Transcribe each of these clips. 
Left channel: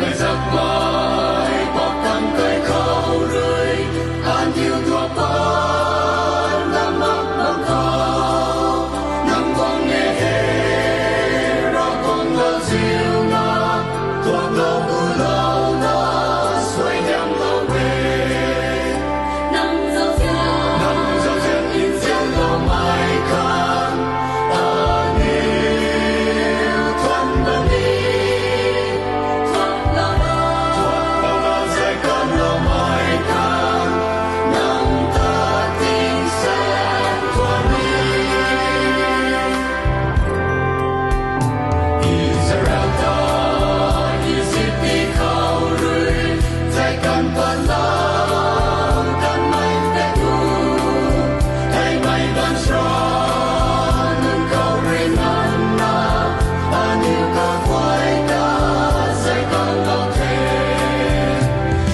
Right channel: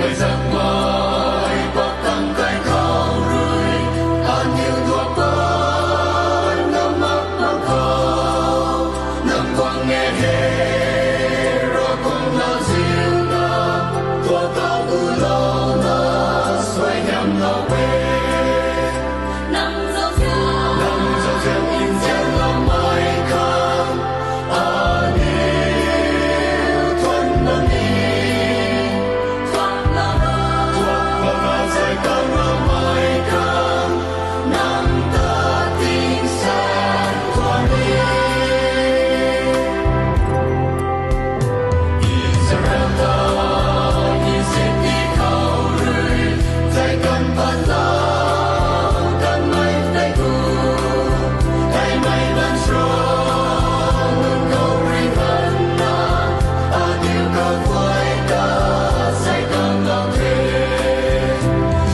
ngày giấc mãi bọc thăm cây khâu rơi an nhiều thuộc ban năm mắt bằng khâu năm quang nghe hè ra con là diệu na thuộc lâu u lâu na xoay nhắm lâu về năm dấu dệt in trên lâu mai khăn an nhiều thuần đơn đi thuộc lâu na sẽ con lâu mai khăn năm ta tin sáng thuần đi Israel ta Egypt khâu rơi dạy cần bắt lao cần mây tay thu thay mây ban strong nâng cầu ring hẳn na an yêu cầu quay ta dạy con lâu thế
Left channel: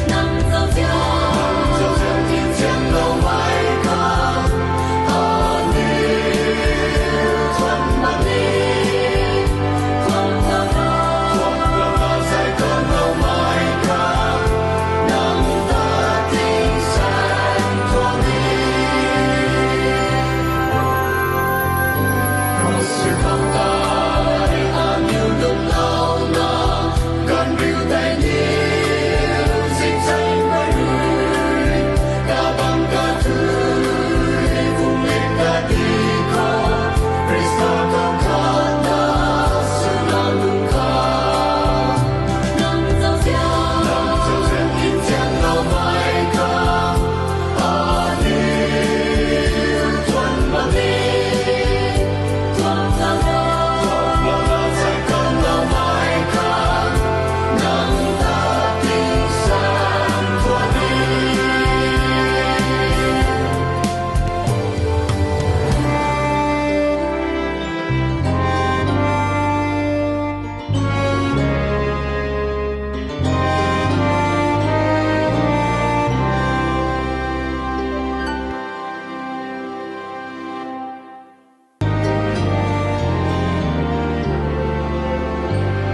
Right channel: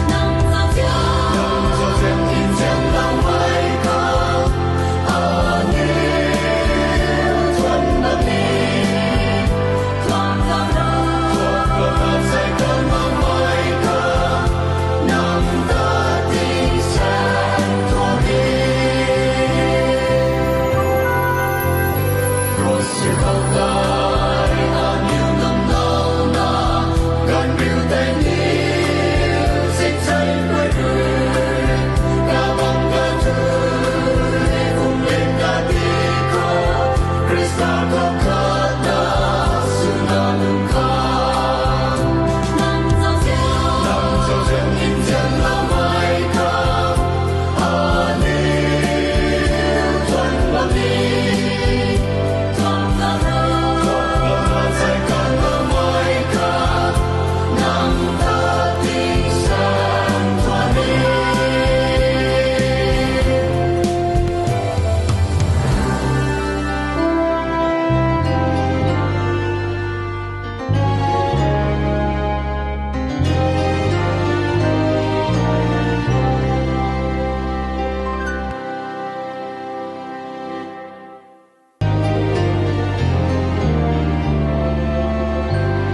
năm dấu dệt in trên lâu mai khăn an yêu thuần bất đi thuộc lâu na dạy con lâu mai khăn năm ta tin sáng thuần đi có sự hậu tai an yêu lúc lâu na gần rìu tay nhiều dịch xanh quay người cả bằng cả tươi vùng lên cả đi có Christa có khát na sự na lưng khát năm dấu dệt in trên lâu mai khăn an yêu thuần bất đi thuộc lâu na dạy con lâu mai khăn năm ta tin sáng thuần đi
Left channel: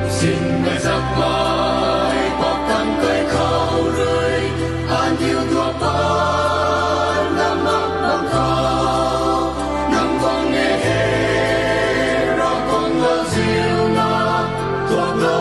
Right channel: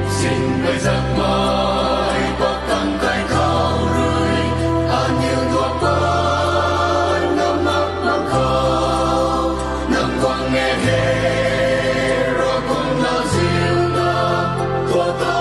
xin ngày giấc mãi bọc thăm cây khâu rơi an nhiều thuộc ban năm mắt bằng khâu năm quang nghe hè ra con là diệu na thuộc lâu